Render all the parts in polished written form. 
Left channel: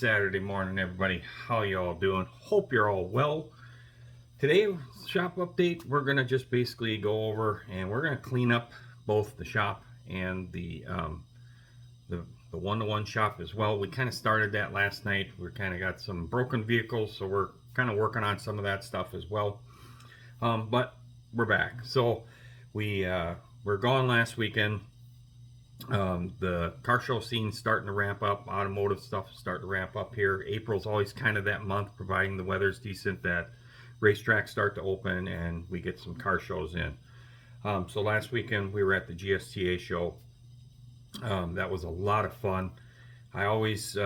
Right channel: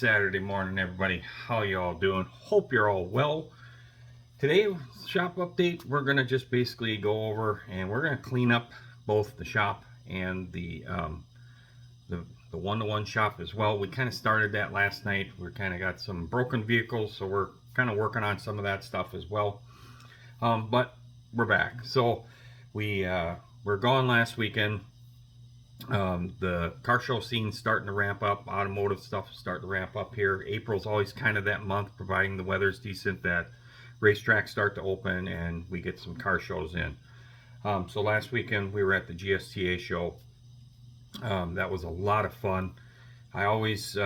Saturday morning, everybody. How y'all doing? Hope you're all well. Today, shop update, we're going to just basically go over and we're going to clean up both the shop and the one-to-one shop as well. We kind of started that last night. We kind of got some broken vehicles, so we're kind of working on some of that stuff as well. But we're back. So we're gone last weekend. The car show scene's starting to ramp up. Automotive stuff is starting to ramp up here. April's always kind of that month, providing the weather's decent, that racetracks start to open and we get some car shows in. So last weekend we were at the GSTA show. That was a lot of fun. I always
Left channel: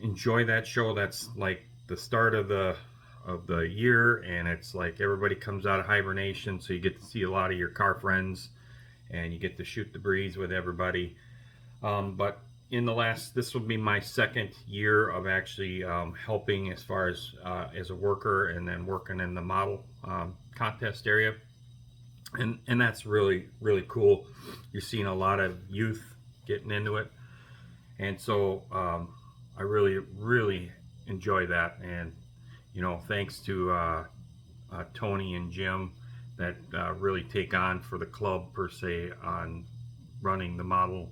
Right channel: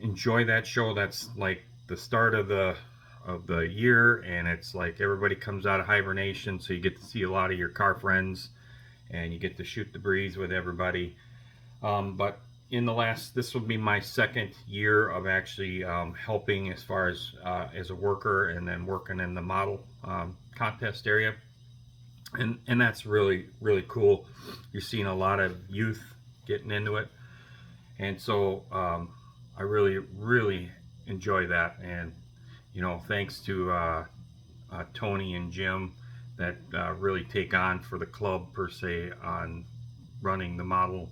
enjoy that show. That's like the start of the year, and it's like everybody comes out of hibernation, so you get to see a lot of your car friends and you get to shoot the breeze with everybody. But in this will be my second year of actually helping as far as a worker, and then working in the model contest area. And that's really, really cool. You're seeing a lot of youth getting into it. And so I really, really enjoy that. And, thanks to Tony and Jim that really take on for the club per se on running the model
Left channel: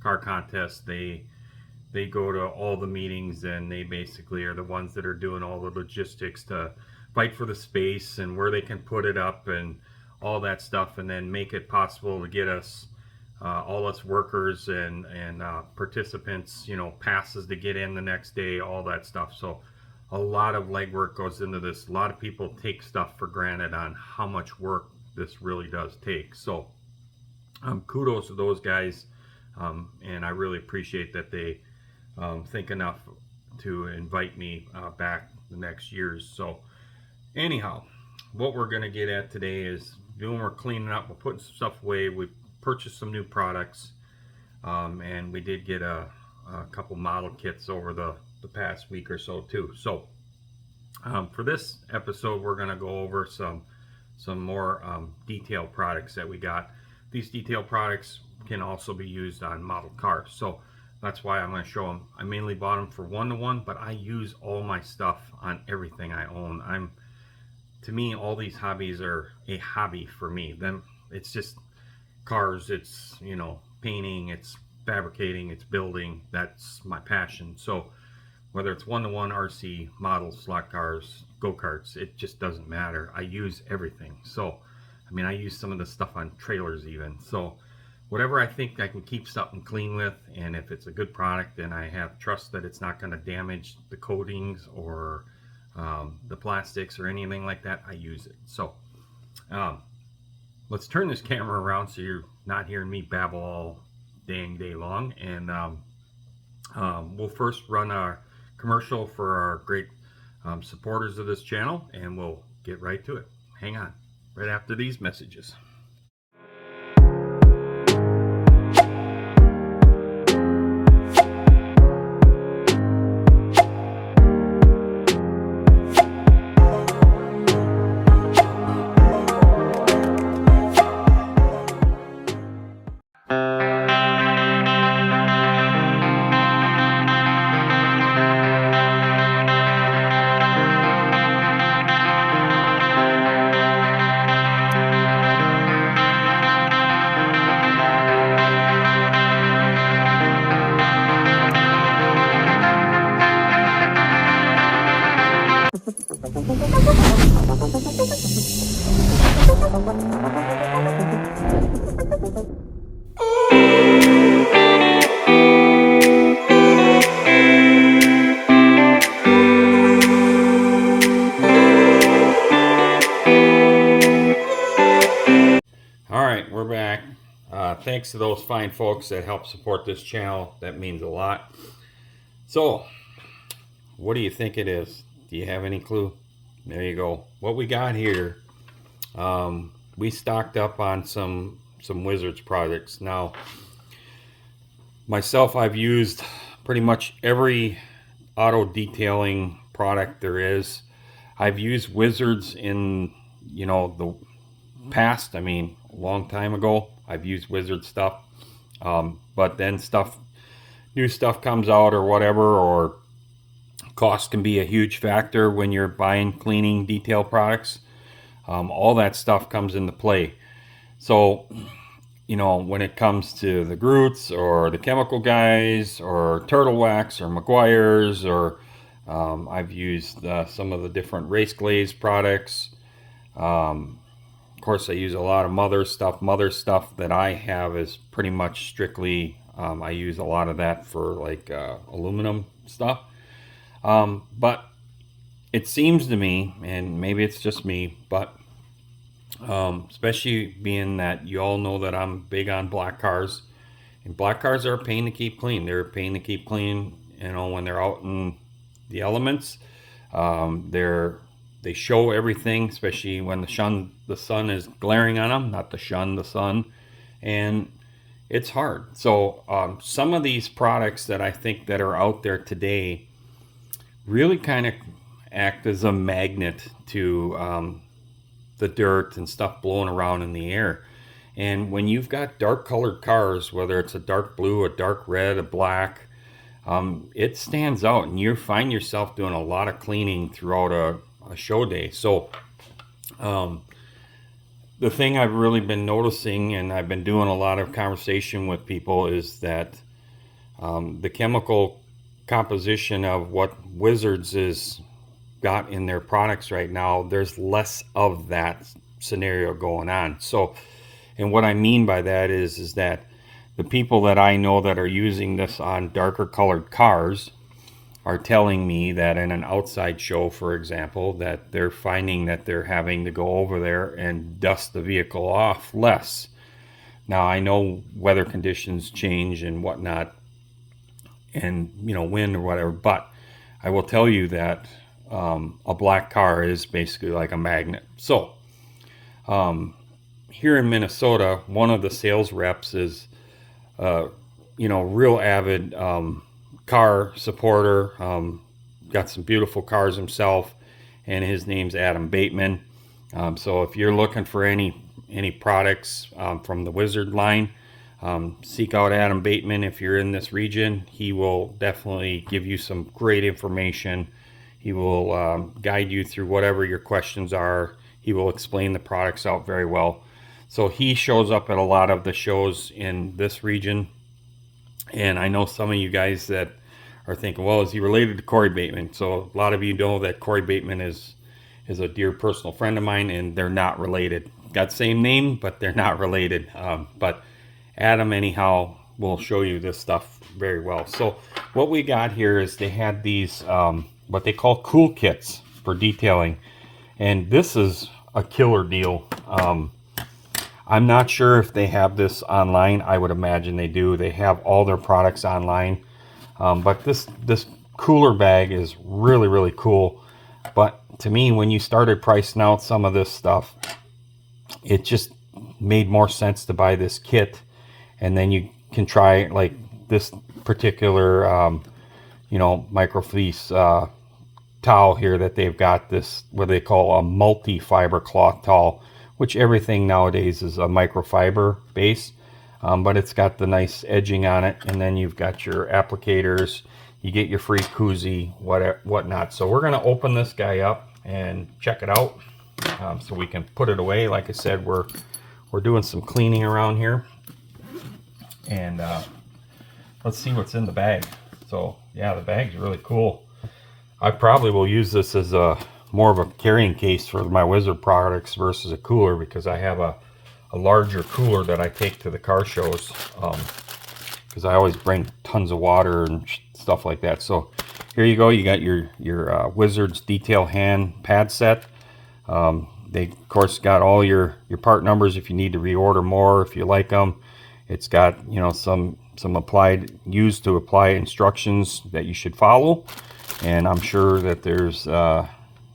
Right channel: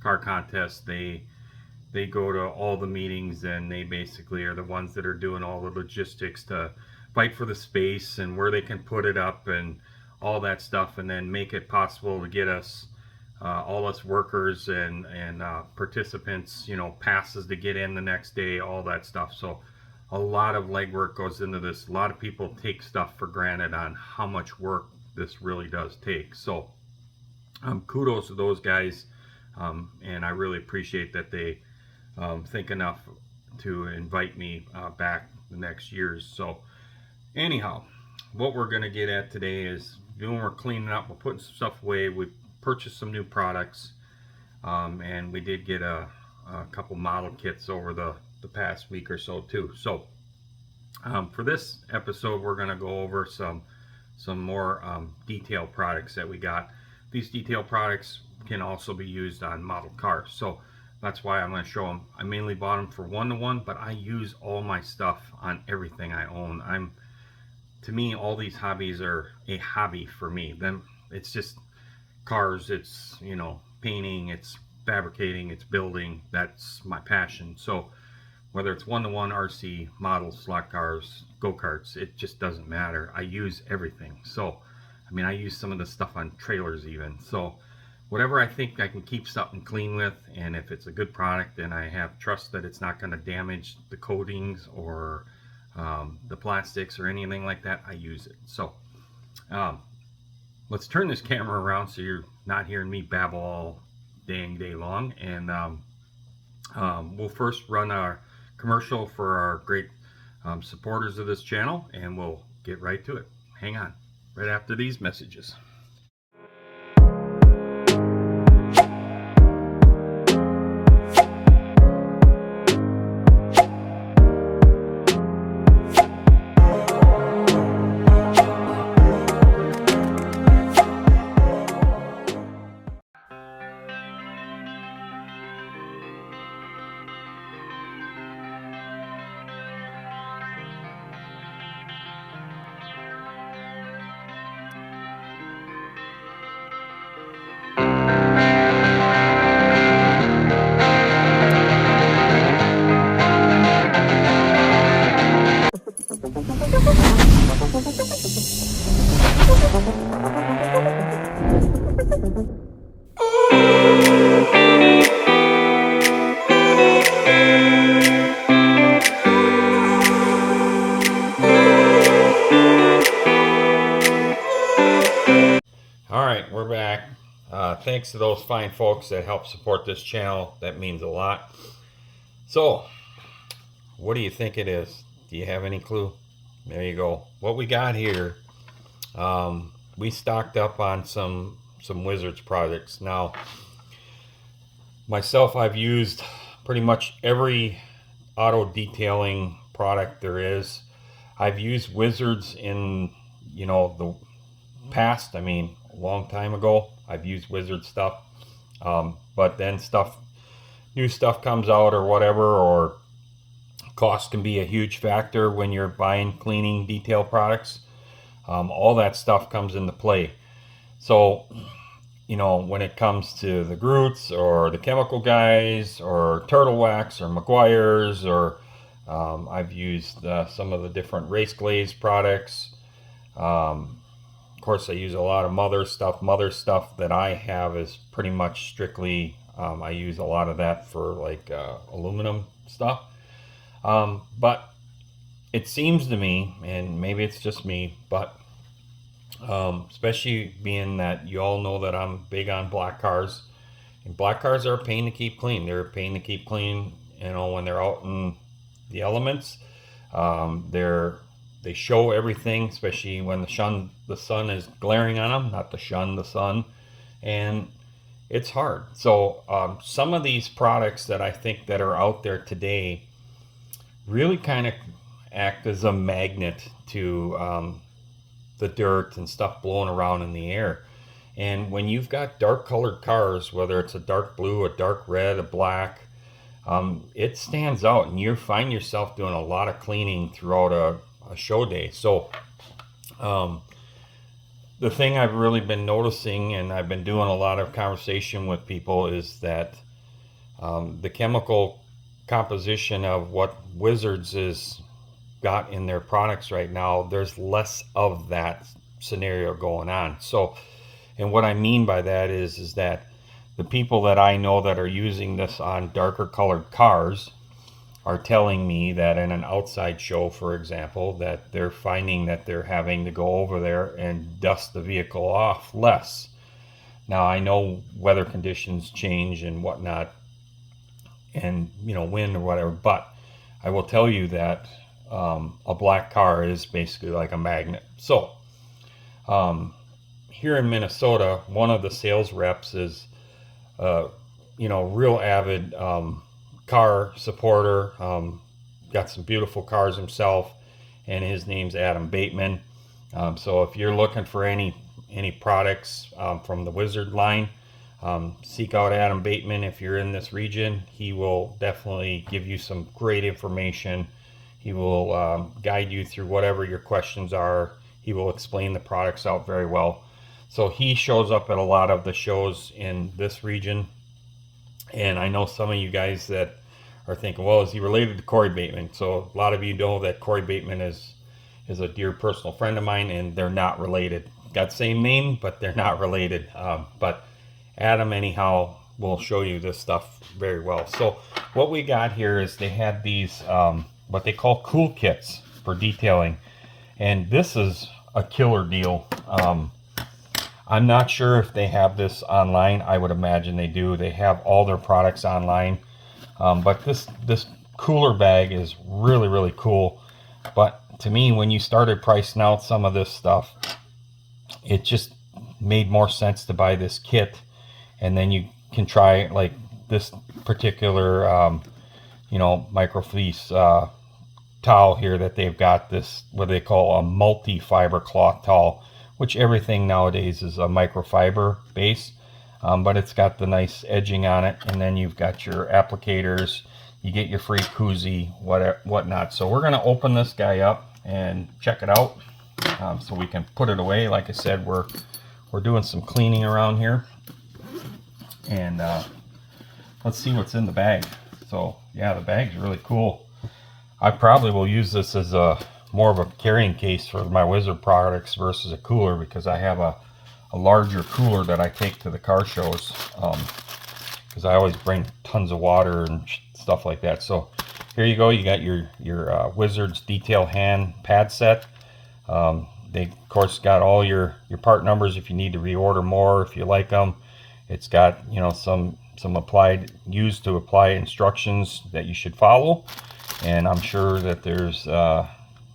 car contest. They go to all the meetings, and they basically are the ones that are doing all the logistics to fight for the space and where they can put it up and all that stuff, and then make it possible to get us all us workers and participants, passes to get in the next day, all that stuff. So a lot of legwork goes into this. A lot of people take stuff for granted on how much work this really does take. So kudos to those guys, and I really appreciate that they think enough to invite me back the next years. So anyhow, what we're going to get at today is we're cleaning up, we're putting some stuff away. We purchased some new products, and we did get a couple model kits over the past week or so too. So for this episode, we're going to go over some more detailed products that we got. These detailed products can also be used on model cars, so that's why I'm going to show them. I mainly bought them for one-to-one, but I use all my stuff on everything I own. To me, all these hobbies are a hobby for me. Then it's just cars, it's painting, it's fabricating, it's building. That's my passion. So whether it's one-to-one, RC, models, slot cars, go-karts, it just doesn't matter. I use everything. So I use some of the stuff on trailers even. So whatever I think I can keep something clean with, and if it's a good product and I have trust that it's not going to damage the coatings or the plastics or anything like that, I use it. So let's turn this camera around so you're not hearing me babble all dang day long, and we'll first run our commercial for our great supporters of this channel, and we'll get right to it. Hang on, right after these messages. Alright, we're back. Thanks to those fine folks that help support this channel. That means a lot. So, what do you think it is? Do you have any clue? There you go. What we got here, we stocked up on some Wizards products. Now, myself, I've used pretty much every auto detailing product there is. I've used Wizards in, the past. A long time ago, I've used Wizard stuff. But then new stuff comes out or whatever, or Cost can be a huge factor when you're buying cleaning detail products. All that stuff comes into play. So, you know, when it comes to the Groots or the Chemical Guys or Turtle Wax or Meguiar's, or I've used some of the different Race Glaze products. Of course, I use a lot of Mother stuff. Mother stuff that I have is pretty much strictly, I use a lot of that for like aluminum stuff. But it seems to me, and maybe it's just me, but especially being that you all know that I'm big on black cars, and black cars are a pain to keep clean. They're a pain to keep clean, you know, when they're out in the elements. They show everything, especially when the sun is glaring on them, not the sun, and it's hard. So some of these products that I think that are out there today really kind of act as a magnet to the dirt and stuff blowing around in the air. And when you've got dark colored cars, whether it's a dark blue, a dark red, a black, it stands out, and you find yourself doing a lot of cleaning throughout a show day. So the thing I've really been noticing, and I've been doing a lot of conversation with people, is that the chemical composition of what Wizards is got in their products right now, there's less of that scenario going on. So, and what I mean by that is that the people that I know that are using this on darker colored cars are telling me that in an outside show, for example, that they're finding that they're having to go over there and dust the vehicle off less. Now, I know weather conditions change and whatnot, and, you know, wind or whatever, but I will tell you that a black car is basically like a magnet. So here in Minnesota, one of the sales reps is you know, real avid car supporter, got some beautiful cars himself, and his name's Adam Bateman. So if you're looking for any products from the Wizard line, seek out Adam Bateman. If you're in this region, he will definitely give you some great information. He will guide you through whatever your questions are. He will explain the products out very well. So he shows up at a lot of the shows in this region. And I know some of you guys that are thinking, well, is he related to Corey Bateman? So a lot of you know that Corey Bateman is a dear personal friend of mine, and they're not related. Got same name, but they're not related. But Adam, anyhow, will show you this stuff very well. So what we got here is they had these what they call cool kits for detailing, and this is a killer deal. I'm not sure if they have this online. I would imagine they do. They have all their products online, but this cooler bag is really, really cool. But to me, when you started pricing out some of this stuff, it just made more sense to buy this kit, and then you can try like this particular you know, microfleece towel here that they've got, this what they call a multi-fiber cloth towel, which everything nowadays is a microfiber base, but it's got the nice edging on it, and then you've got your applicators, you get your free koozie, whatnot. So we're going to open this guy up and check it out, so we can put it away. Like I said, we're doing some cleaning around here, and let's see what's in the bag. So yeah, the bag's really cool. I probably will use this as a more of a carrying case for my Wizard products versus a cooler, because I have a larger cooler that I take to the car shows, because I always bring tons of water and stuff like that. So here you go. You got your Wizards detail hand pad set. They of course got all your part numbers if you need to reorder more, if you like them. It's got, you know, some used to apply instructions that you should follow, and I'm sure that there's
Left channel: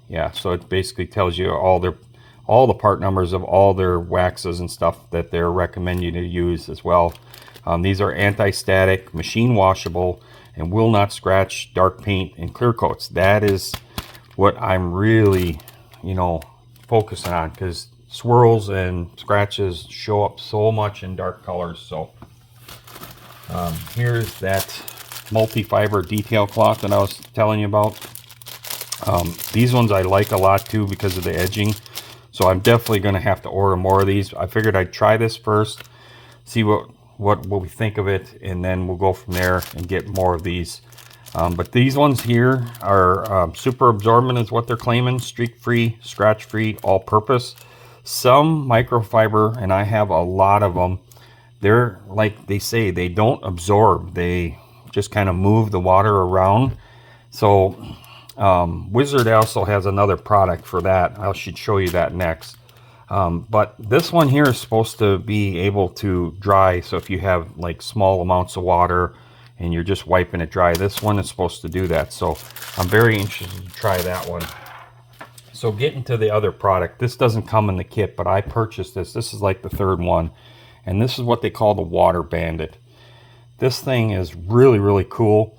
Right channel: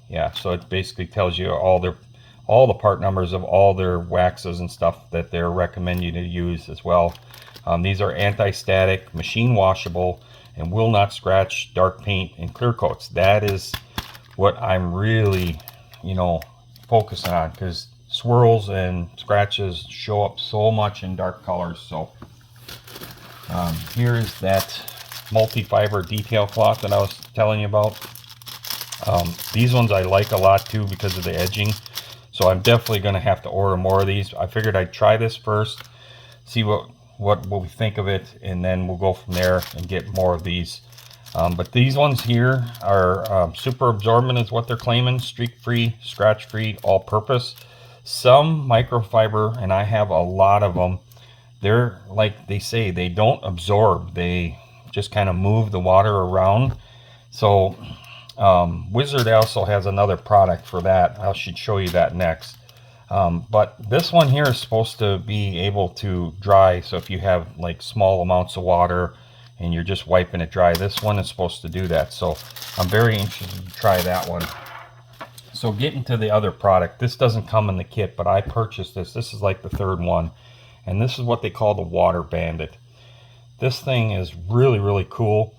yeah, so it basically tells you all the part numbers of all their waxes and stuff that they're recommending you to use as well. These are anti-static, machine washable, and will not scratch dark paint and clear coats. That is what I'm really, you know, focusing on, because swirls and scratches show up so much in dark colors. So here's that multi-fiber detail cloth that I was telling you about. These ones I like a lot too because of the edging. So I'm definitely going to have to order more of these. I figured I'd try this first, see what we think of it, and then we'll go from there and get more of these. But these ones here are super absorbent is what they're claiming. Streak free, scratch free, all purpose. Some microfiber, and I have a lot of them. They're like they say, they don't absorb. They just kind of move the water around. So Wizard also has another product for that. I should show you that next. But this one here is supposed to be able to dry. So if you have like small amounts of water and you're just wiping it dry, this one is supposed to do that. So I'm very interested to try that one. So getting to the other product, this doesn't come in the kit, but I purchased this. This is like the third one. And this is what they call the Water Bandit. This thing is really, really cool.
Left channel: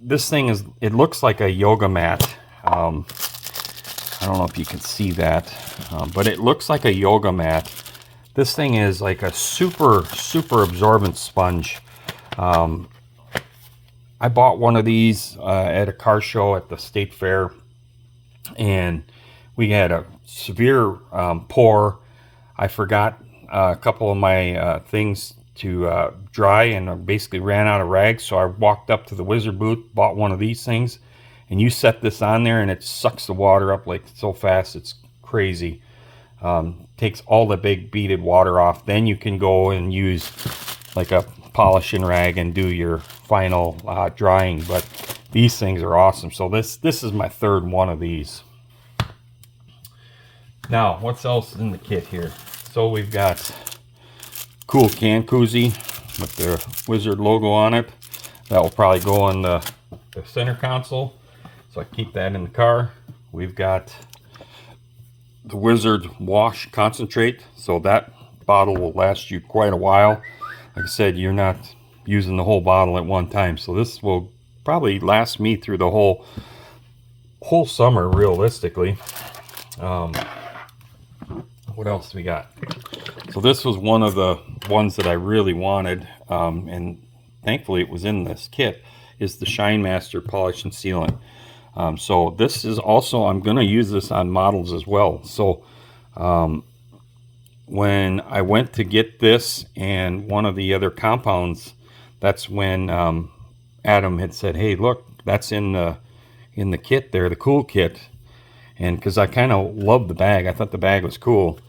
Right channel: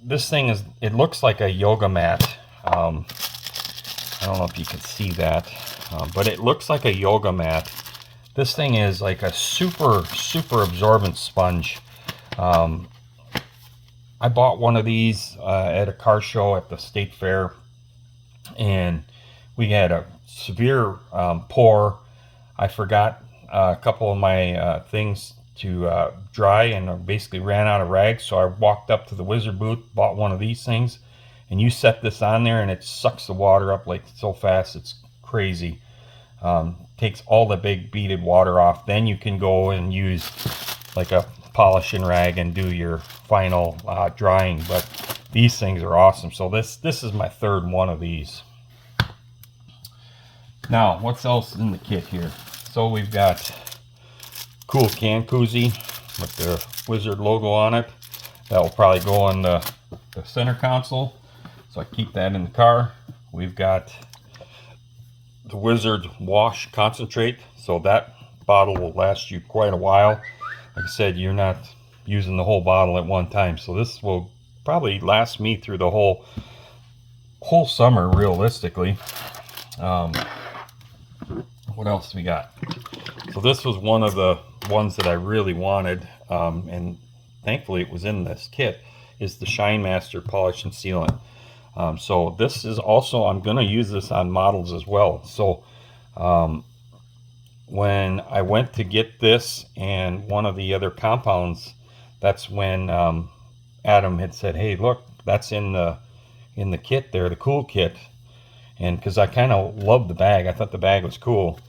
This thing is, it looks like a yoga mat. I don't know if you can see that, but it looks like a yoga mat. This thing is like a super, super absorbent sponge. I bought one of these at a car show at the state fair, and we had a severe pour. I forgot a couple of my things to dry, and I basically ran out of rags. So I walked up to the Wizard booth, bought one of these things, and you set this on there and it sucks the water up like so fast, it's crazy. Takes all the big beaded water off. Then you can go and use like a polishing rag and do your final drying. But these things are awesome. So this is my third one of these. Now what's else in the kit here? So we've got cool can koozie with the Wizard logo on it. That will probably go on the center console, so I keep that in the car. We've got the Wizard wash concentrate, so that bottle will last you quite a while. Like I said, you're not using the whole bottle at one time, so this will probably last me through the whole summer realistically. What else we got? So this was one of the ones that I really wanted, and thankfully it was in this kit, is the Shine Master Polish and Sealant. So this is also, I'm going to use this on models as well. So when I went to get this and one of the other compounds, that's when Adam had said, hey, look, that's in the kit there, the cool kit. And because I kind of loved the bag, I thought the bag was cool.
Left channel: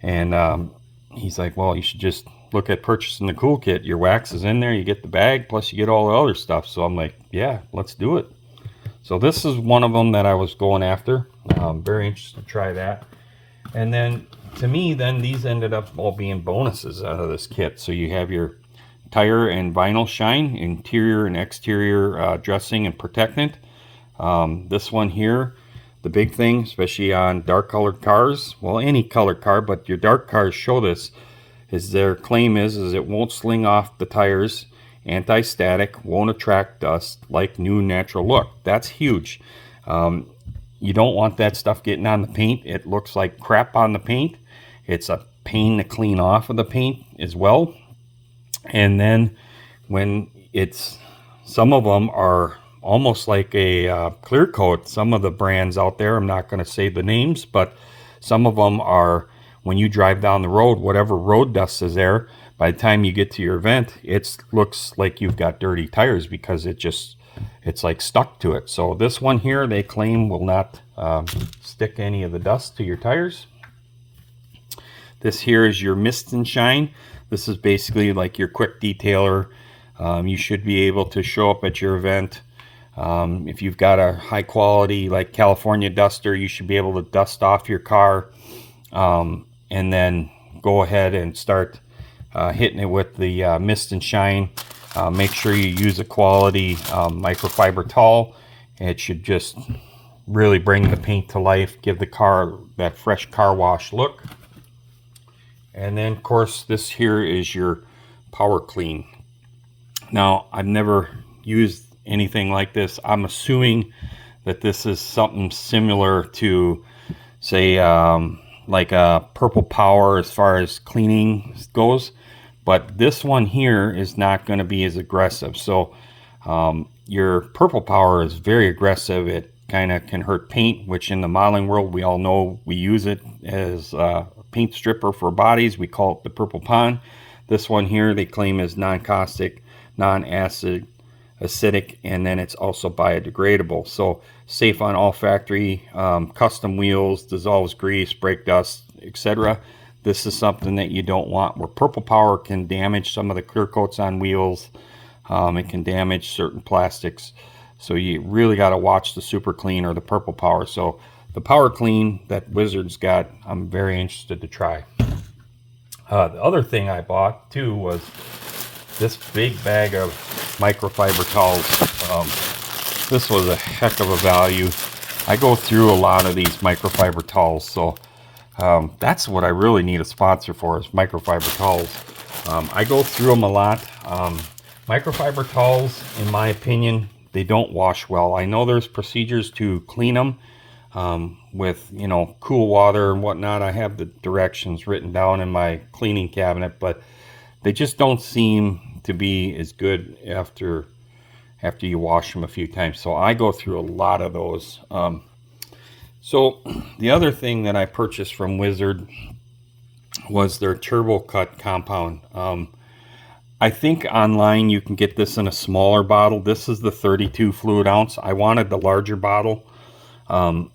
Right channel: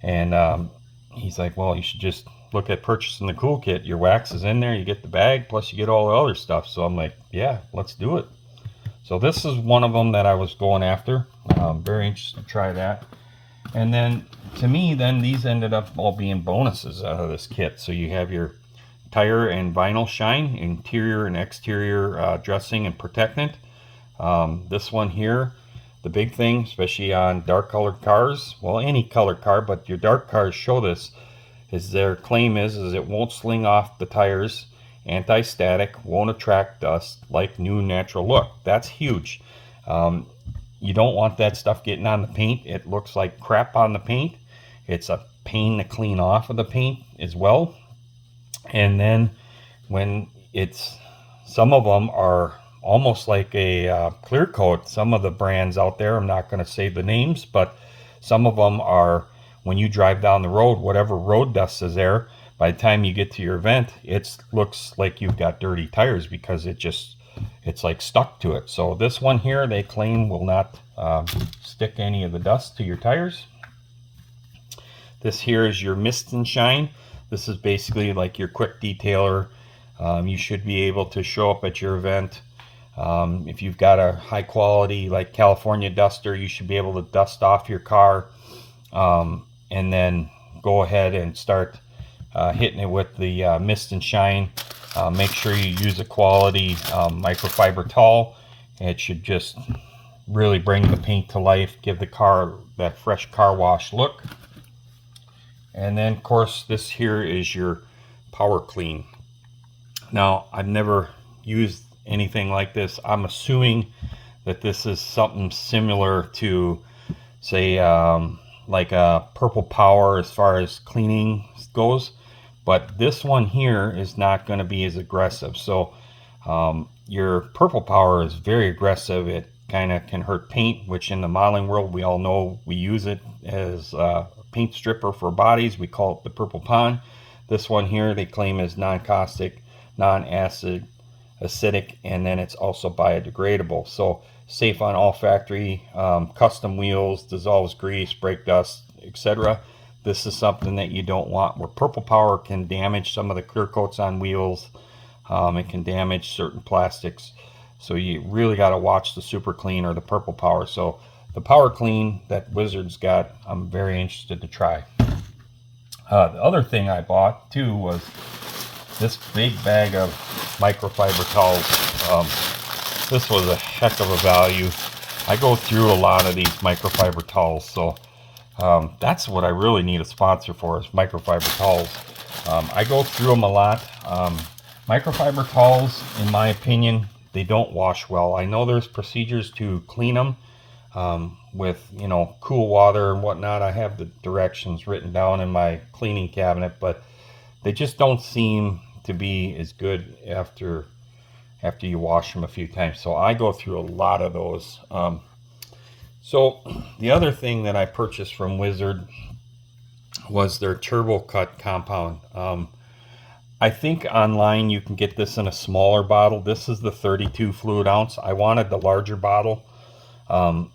And he's like, well, you should just look at purchasing the cool kit. Your wax is in there, you get the bag, plus you get all the other stuff. So I'm like, yeah, let's do it. So this is one of them that I was going after. I'm very interested to try that. And then to me, then these ended up all being bonuses out of this kit. So you have your tire and vinyl shine, interior and exterior dressing and protectant. This one here, the big thing, especially on dark colored cars, well, any colored car, but your dark cars show this, is their claim is it won't sling off the tires, anti-static, won't attract dust, like new natural look. That's huge. You don't want that stuff getting on the paint. It looks like crap on the paint. It's a pain to clean off of the paint as well. And then when some of them are almost like a clear coat. Some of the brands out there, I'm not going to say the names, but some of them are, when you drive down the road, whatever road dust is there, by the time you get to your event, it looks like you've got dirty tires because it's like stuck to it. So this one here, they claim will not stick any of the dust to your tires. This here is your Mist and Shine. This is basically like your quick detailer. You should be able to show up at your event. If you've got a high quality like California duster, you should be able to dust off your car, and then go ahead and start hitting it with the Mist and Shine. Make sure you use a quality microfiber towel. It should just really bring the paint to life, give the car that fresh car wash look. And then of course this here is your Power Clean. Now I've never used anything like this. I'm assuming that this is something similar to, say, like a Purple Power as far as cleaning goes, but this one here is not going to be as aggressive. So your Purple Power is very aggressive. It kind of can hurt paint, which in the modeling world we all know we use it as a paint stripper for bodies. We call it the Purple Pond. This one here they claim is non-caustic, non-acid, acidic, and then it's also biodegradable. So safe on all factory custom wheels, dissolves grease, brake dust, etc. This is something that you don't want, where Purple Power can damage some of the clear coats on wheels. It can damage certain plastics. So you really got to watch the Super Clean or the Purple Power. So the Power Clean that Wizard's got, I'm very interested to try. The other thing I bought too was this big bag of microfiber towels. This was a heck of a value. I go through a lot of these microfiber towels, so that's what I really need a sponsor for, is microfiber towels. I go through them a lot. Microfiber towels, in my opinion, they don't wash well. I know there's procedures to clean them with, you know, cool water and whatnot. I have the directions written down in my cleaning cabinet, but they just don't seem to be as good after you wash them a few times. So I go through a lot of those. So the other thing that I purchased from Wizard was their Turbo Cut compound. I think online you can get this in a smaller bottle. This is the 32 fluid ounce. I wanted the larger bottle. And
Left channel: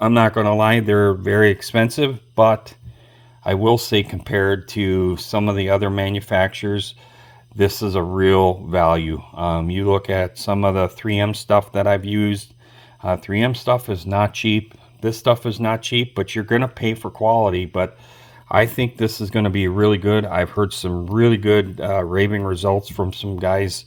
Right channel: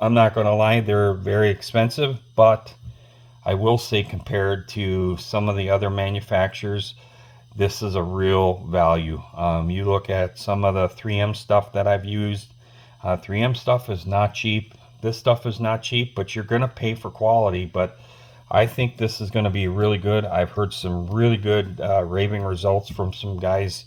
I'm not going to lie, they're very expensive, but I will say compared to some of the other manufacturers, this is a real value. You look at some of the 3M stuff that I've used. 3M stuff is not cheap. This stuff is not cheap, but you're going to pay for quality. But I think this is going to be really good. I've heard some really good raving results from some guys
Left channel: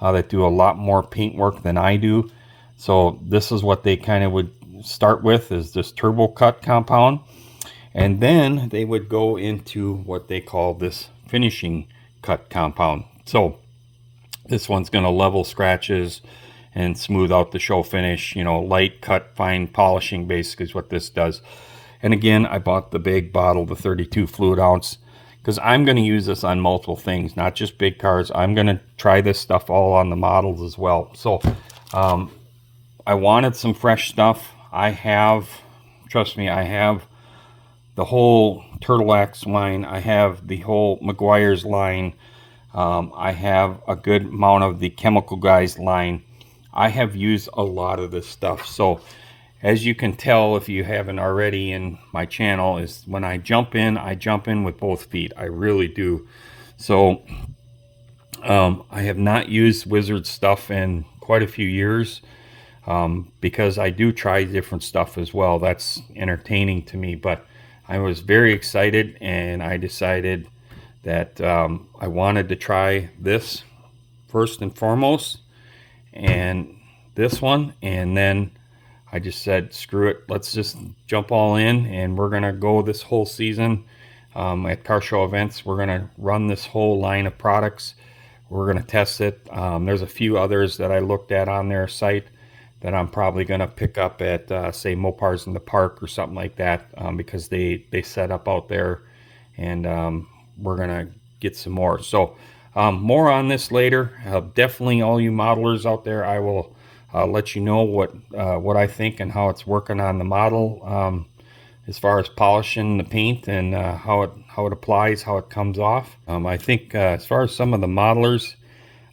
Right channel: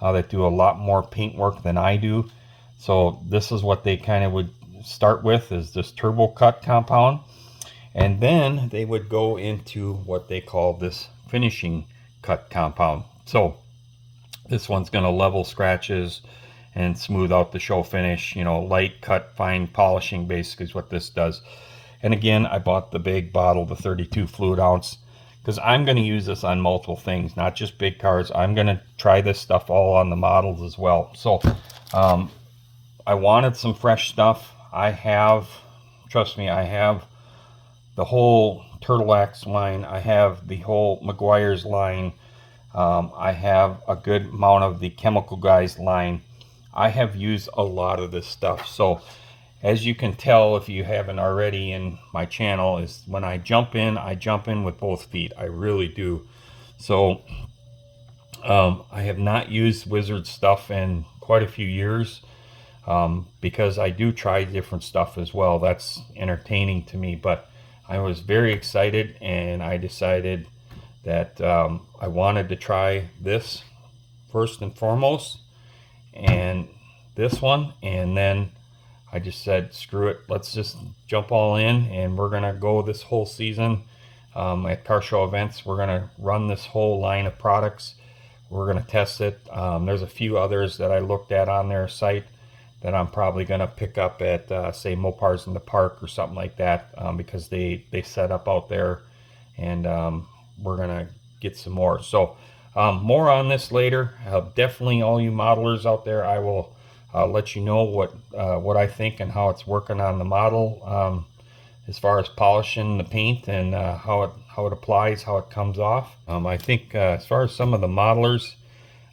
that do a lot more paint work than I do. So this is what they kind of would start with, is this Turbo Cut compound. And then they would go into what they call this finishing cut compound. So this one's going to level scratches and smooth out the show finish. You know, light cut, fine polishing basically is what this does. And again, I bought the big bottle, the 32 fluid ounce, because I'm going to use this on multiple things, not just big cars. I'm going to try this stuff all on the models as well. So I wanted some fresh stuff. I have, trust me, I have the whole Turtle X line. I have the whole Meguiar's line. I have a good amount of the Chemical Guys line. I have used a lot of this stuff. So as you can tell, if you haven't already in my channel, is when I jump in with both feet. I really do. So I have not used Wizard stuff in quite a few years. Because I do try different stuff as well. That's entertaining to me, but I was very excited and I decided that I wanted to try this first and foremost, and this one, and then I just said, screw it, let's just jump all in, and we're gonna go this whole season at car show events. We're gonna run this whole line of products. We're gonna test it. There's a few others that I looked at on their site that I'm probably going to pick up at, say, Mopars in the Park or something like that, because they set up out there, and we're going to get some more. So more on this later. Definitely all you modelers out there, I will let you know what I think and how it's working on the model, as far as polishing the paint and how it applies, how it comes off. I think as far as some of the modelers,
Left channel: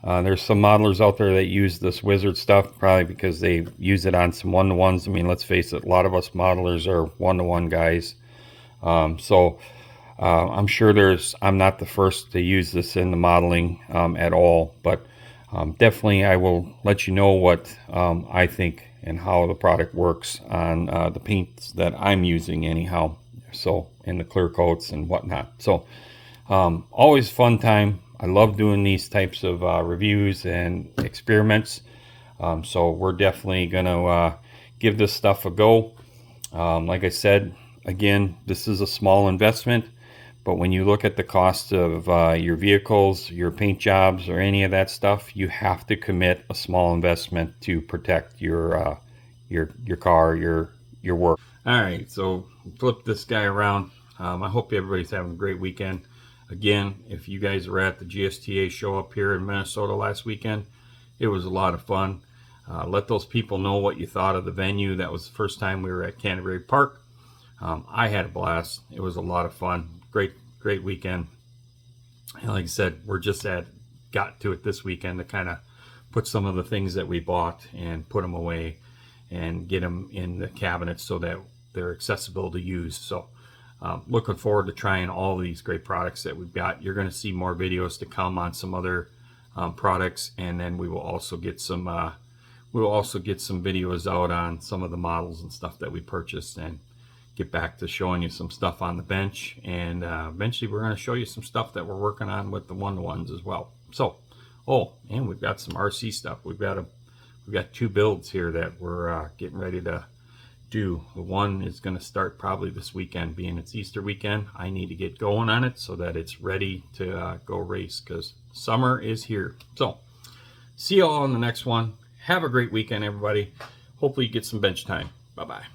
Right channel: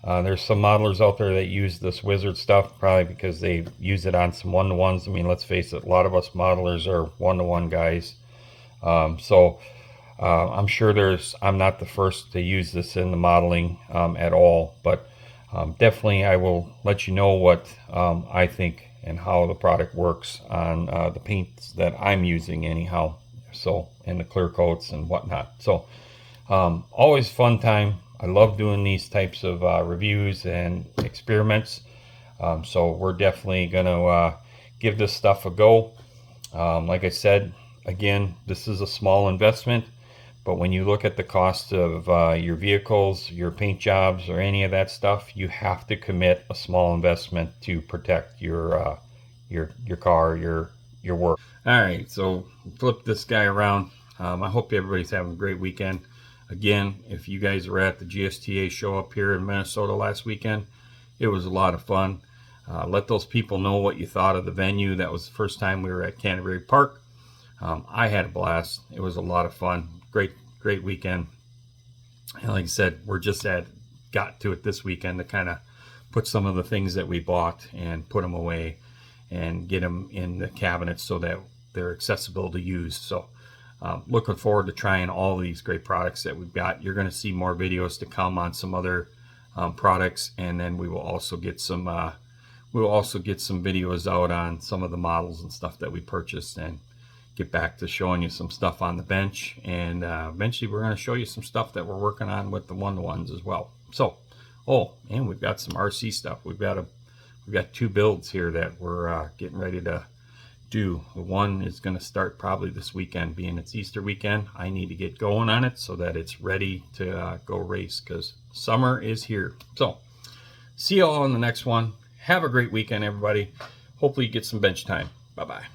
there's some modelers out there that use this Wizard stuff, probably because they use it on some one-to-ones. I mean, let's face it, a lot of us modelers are one-to-one guys. So I'm sure I'm not the first to use this in the modeling at all, but definitely I will let you know what I think and how the product works on the paints that I'm using anyhow. So, and the clear coats and whatnot. So always fun time. I love doing these types of reviews and experiments. So we're definitely going to give this stuff a go. Like I said, again, this is a small investment, but when you look at the cost of your vehicles, your paint jobs, or any of that stuff, you have to commit a small investment to protect your car, your work. All right, so flip this guy around. I hope everybody's having a great weekend. Again, if you guys were at the GSTA show up here in Minnesota last weekend, it was a lot of fun. Let those people know what you thought of the venue. That was the first time we were at Canterbury Park. I had a blast. It was a lot of fun. Great weekend. And like I said, we're just got to it this weekend to kind of put some of the things that we bought and put them away and get them in the cabinets so that they're accessible to use. So looking forward to trying all these great products that we've got. You're going to see more videos to come on some other products, and then we will also get some videos out on some of the models and stuff that we purchased, and get back to showing you some stuff on the bench. And eventually we're going to show you some stuff that we're working on with the one-to-ones as well. So, and we've got some RC stuff. We've got 2 builds here that we're getting ready to do. The one is going to start probably this weekend, being it's Easter weekend. I need to get going on it so that it's ready to go race, because summer is here. So see you all on the next one. Have a great weekend, everybody. Hopefully you get some bench time. Bye-bye.